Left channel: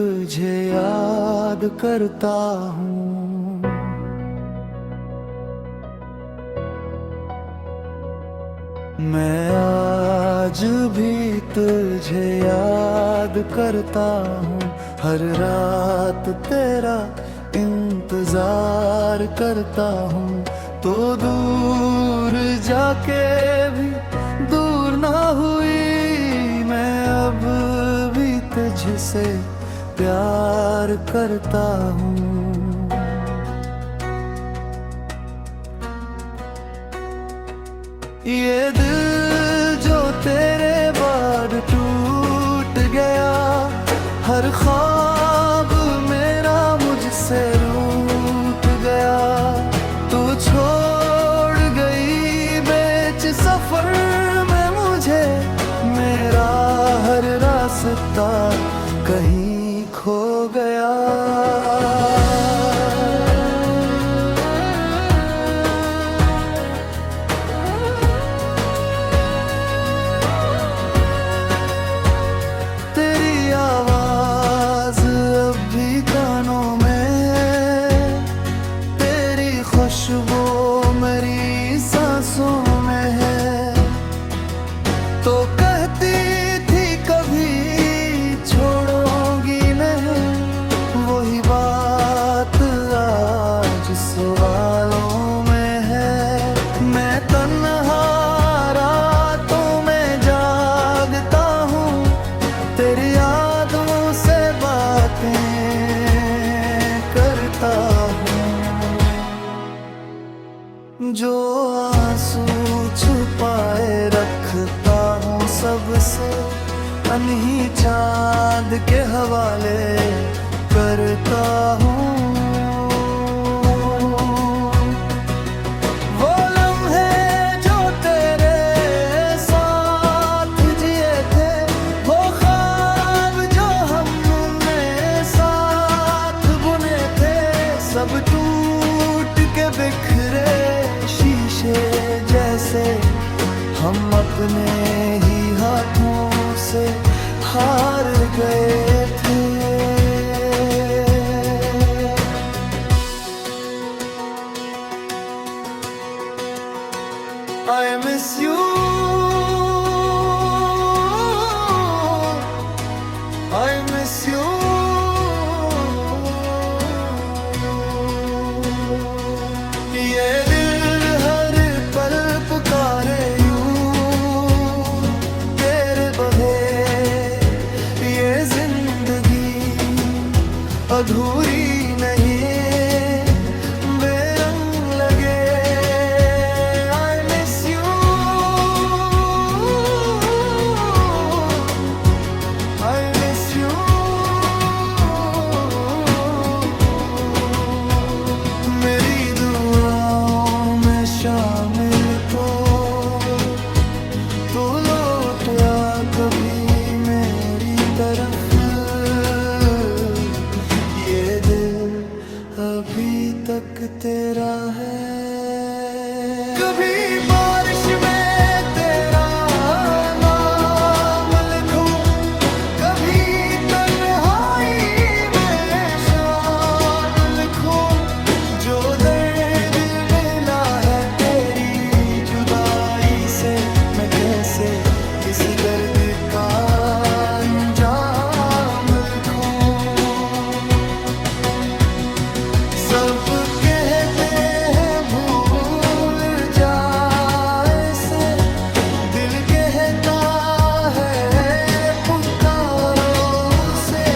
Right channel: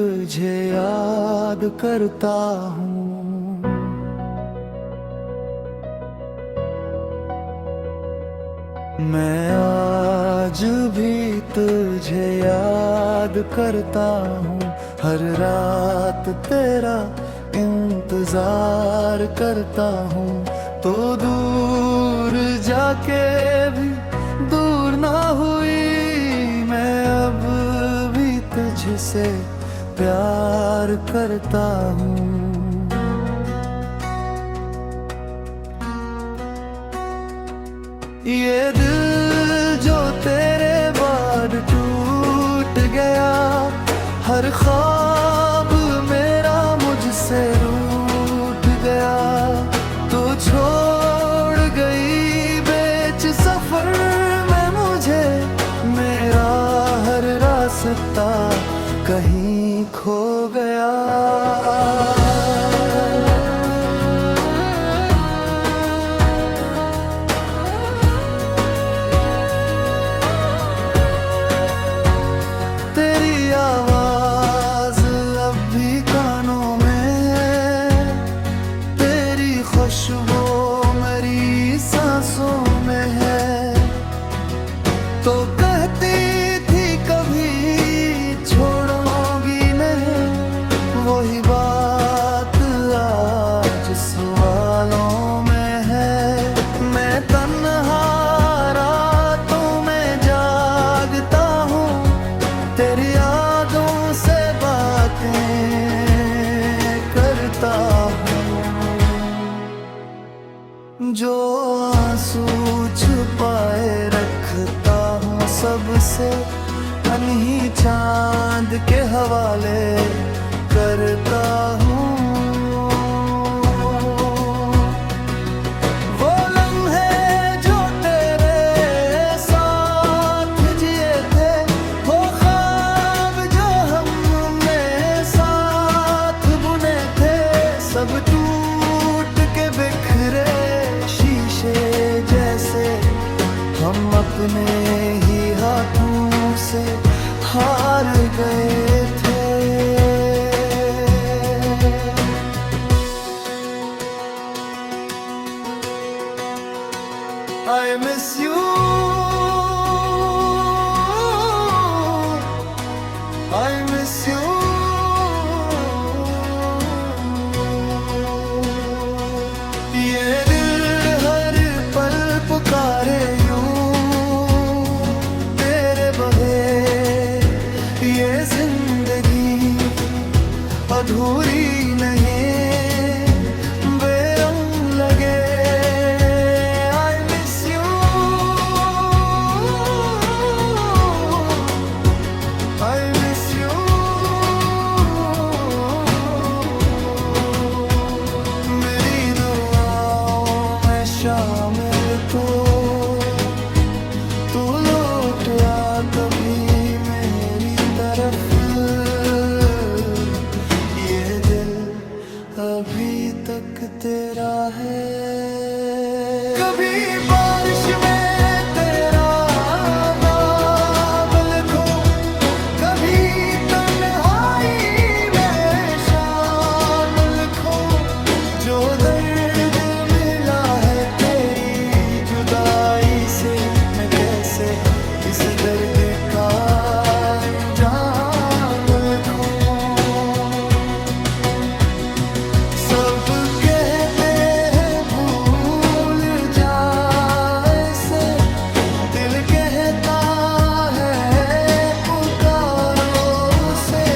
तुझे याद करता हूँ। मैं आज भी तुझे याद करता हूँ। हर रात तेरा इंतजार करता हूँ। तो दूर जाके भी दूर ना हुई, मैं अब भी तुझसे प्यार करता हूँ। ये दिल जो तेरे बाद टूट गया, हर ख्वाब मेरा मुझसे रूठ गया। तू छोड़ गई बीच सफर में मुझे, मेरा हर रास्ता कहीं खो गया। तेरी आवाज अब भी कानों में है, तेरी खुशबू मेरी सांसों में है। तो कहती थी कभी छोड़ोगी नहीं, वही बात आज सवालों में है। मैं तन्हा रातों में जागता हूँ, तेरी यादों से बातें करता हूँ। जो आंसू छुपाए रखता हूँ सबसे, अनही चांद के हवाले करता हूँ। वो लम्हे जो तेरे साथ जिए थे, वो ख्वाब जो हमने साथ बुने थे, सब टूट के बिखरे शीशे जैसे हम अपने ही हाथों से हार गए थे। I miss you, I miss you। ये दिल हर पल पुकारे यूं, तेरे बगैर ये जिंदगी अधूरी नहीं, बेरंग लगे। I miss you, I miss you। मेरी दुआओं में शामिल तो तू लौट आ कभी मेरी तरफ। ये दिल अभी तक तेरा है। कभी बारिश में तेरा नाम लिखूं, कभी तन्हाई में शाम लिखूं। जो दर्द मिला है तेरी जुदाई से, मैं कैसे इस दर्द का अंजाम लिखूं। सब कहते हैं भूल जाए से, दिल कहता है पुकारो से।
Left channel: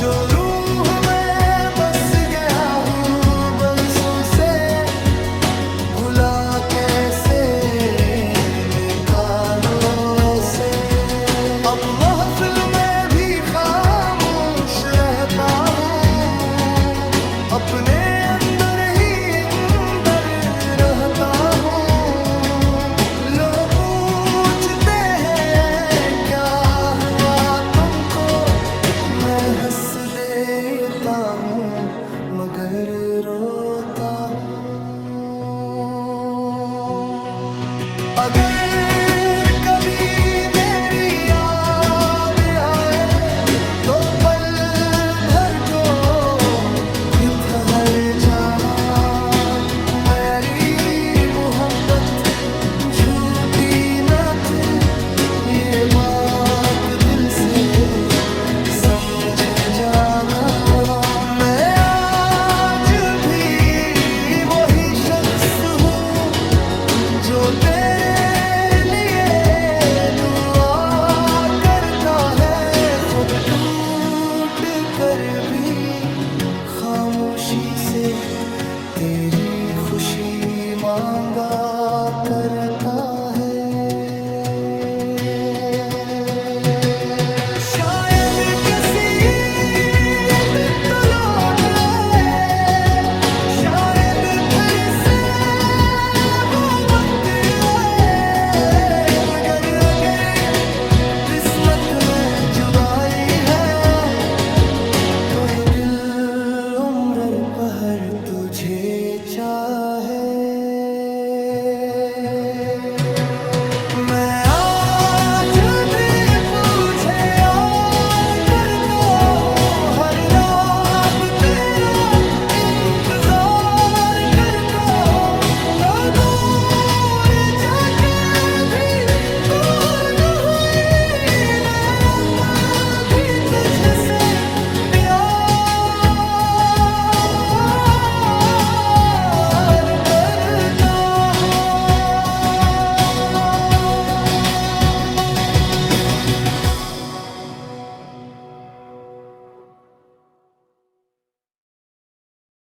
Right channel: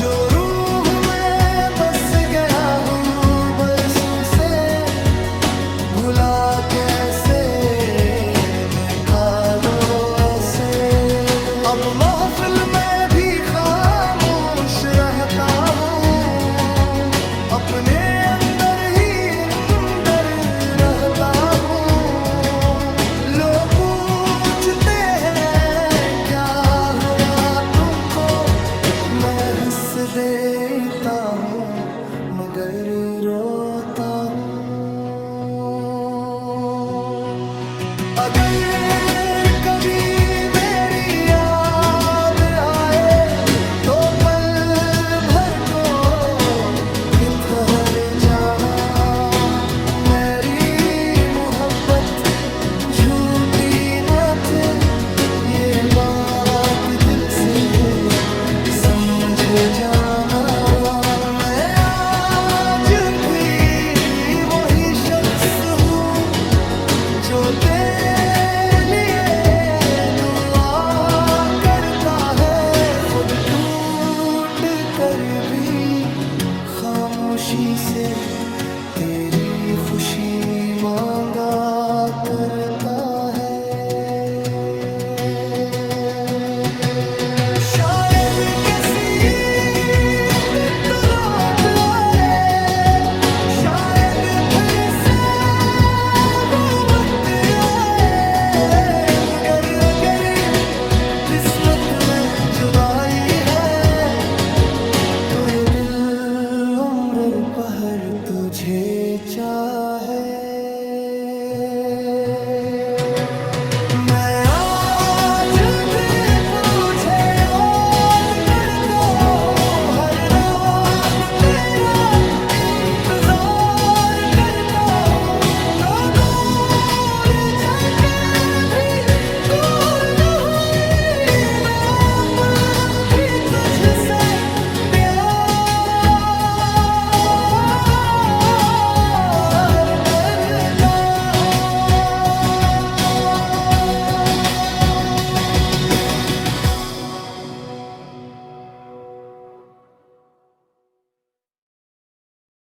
जो रूह में बस गया हूँ बरसों से, भुला कैसे निकालो ऐसे। अब महफिल में भी खामोश रहता हूँ, अपने अंदर ही अंदर रहता हूँ। लोग पूछते हैं क्या हुआ तुमको, मैं हंस देता हूँ मगर रोता हूँ। अगर कभी मेरी याद आए तो पल कर जाना, मेरी मोहब्बत झूठी न थी, ये बात दिल से समझ जाना। मैं आज भी वही शख्स हूँ जो तेरे लिए दुआ करता है, खुद टूट कर भी खामोशी से तेरी खुशी मांगा करता है। शायद किसी दिन तो लौट आए, शायद फिर से वो वक्त आए, मगर अगर किस्मत में जुदाई है तो ये दिल उम्र पहर तुझे चाहे। मैं